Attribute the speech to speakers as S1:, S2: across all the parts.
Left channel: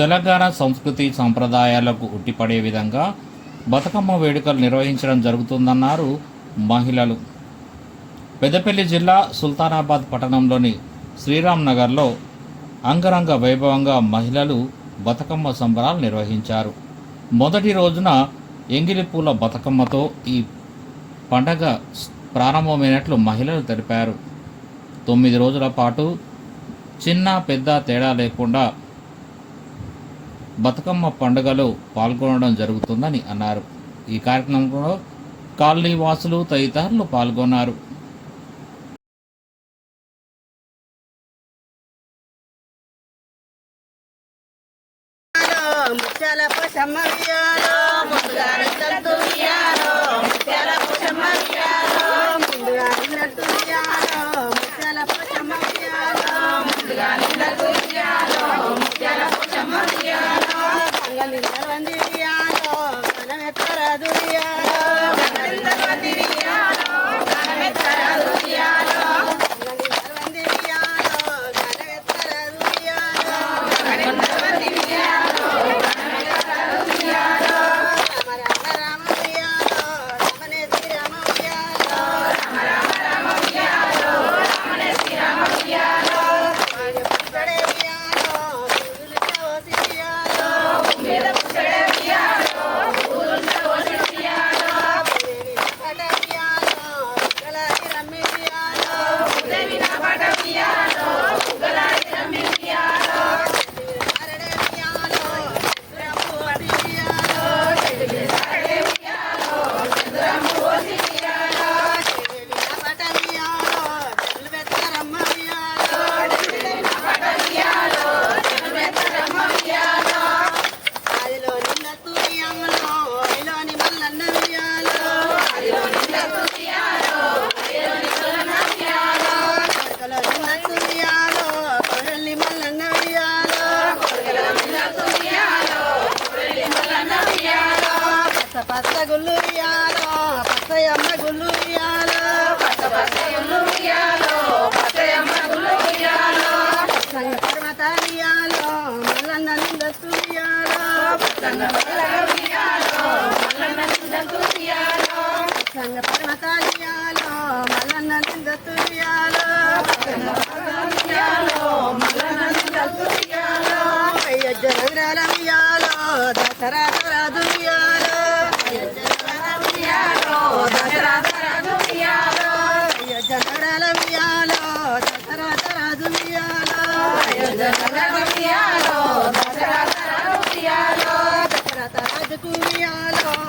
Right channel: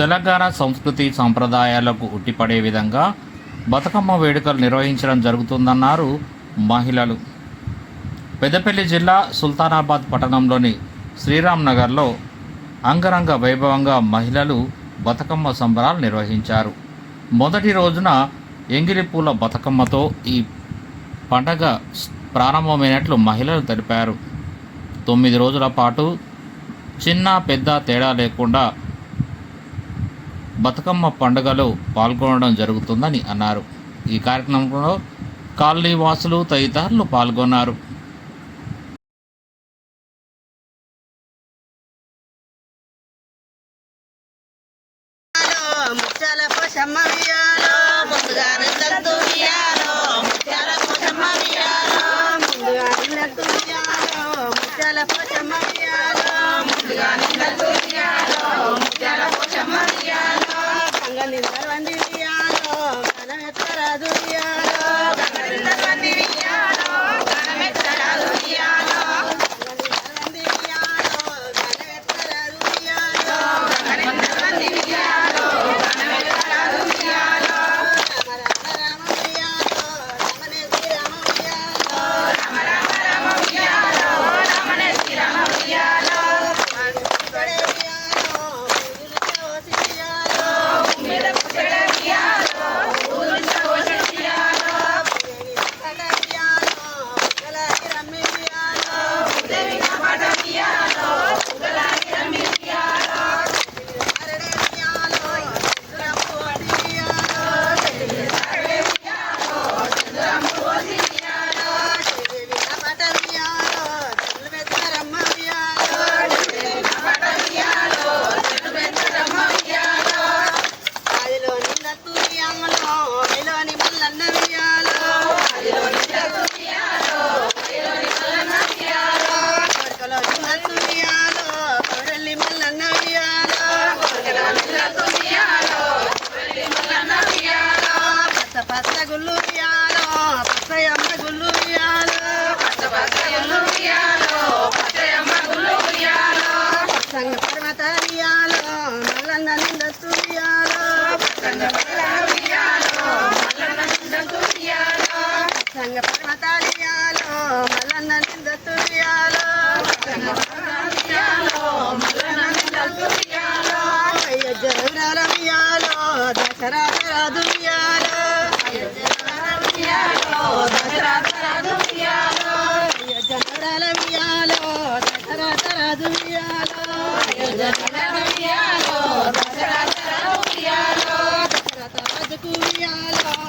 S1: తెలంగాణ సంస్కృతి సంప్రదాయాలకు ఉట్టిపడే విధంగా బతుకమ్మ వేడుకలు నిర్వహించడం జరుగుతుందన్నారు మహిళలు. పెద్దపల్లి జిల్లా సుల్తానాబాద్ పట్టణంలోని శ్రీరామ్ నగర్లో అంగరంగ వైభవంగా మహిళలు బతుకమ్మ సంబరాలు నిర్వహించారు. మొదటి రోజున ఎంగిలిపూల బతుకమ్మతో ఈ పండగ ప్రారంభమైనట్లు మహిళలు తెలిపారు. తొమ్మిది రోజుల పాటు చిన్న పెద్ద తేడా లేకుండా బతుకమ్మ పండుగలో పాల్గొనడం జరుగుతుందని అన్నారు. ఈ కార్యక్రమంలో కాలనీ వాసులు తదితరులు పాల్గొన్నారు.
S2: Enggak. గుళ్ళు ఇయాలో పచ్చయమ్మ గుళ్ళు ఇయాలో సంగ పక్కన తారియాలో మల్లన్న నిందస్తు ఇయాలో సంగ పక్కన తారియాలో Mallanna నిందస్తు ఇయాలో Dasara
S3: దుయ్యాలో Jagannath Ram Ram Ram Ram Ram Ram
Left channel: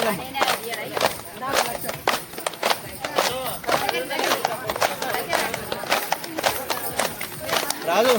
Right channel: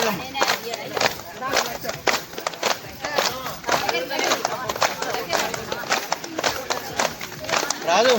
S3: అడగమ్మా రాజు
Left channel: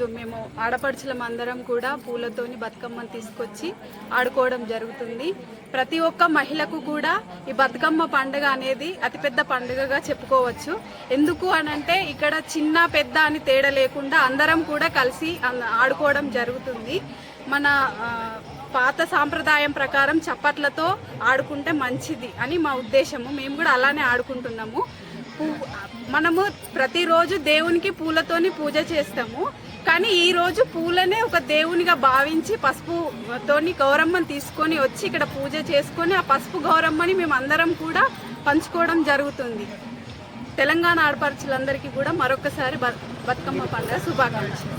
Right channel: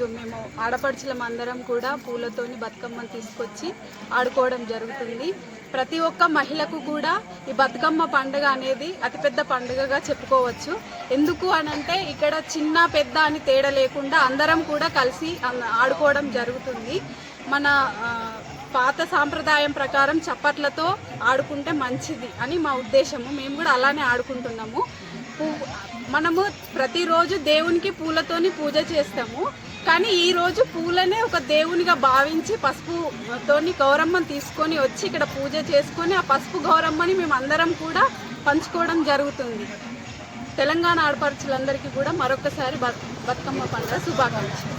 S3: ఈరోజు మేము ఆడపడుచులం అందరం కూడా పూలతోని బతుకమ్మను తీసుకొచ్చి ఆడుకోవడం జరుగుతుంది. ప్రతి ఒక్క మహిళకు కూడా ఈ బతుకమ్మ పండుగ అనేది అతిపెద్ద పండుగగా చెప్పుకోవచ్చు. ఎందుకు అనంటే ఇక్కడ చిన్న పెద్ద అని తేడా లేకుండా అందరం కూడా కలిసి ఆడుకోవడం జరుగుతుంది. మన పాత సాంప్రదాయం ప్రకారం చప్పట్లతో ఆడుకుంటే మంచిది అని మా ఉద్దేశము. మేము కూడా అలానే ఆడుకుంటున్నాము. పువ్వు మనము ప్రతిరోజు దేవునికి పూలతోని పూజ చేస్తాము. కానీ ఈ రోజు పూలనే ఒక దేవునిగా భావించి పసుపుతోని గౌరమ్మని తీసుకొని వచ్చి ఇక్కడ పూజ చేసుకొని ఆ పసుపు గౌరమ్మని మేము అందరం కూడా పంచుకోవడం జరుగుతుంది. తెలంగాణ ఆడపడుచులందరికీ కూడా మరొకసారి బతుకమ్మ పండుగ శుభాకాంక్షలు.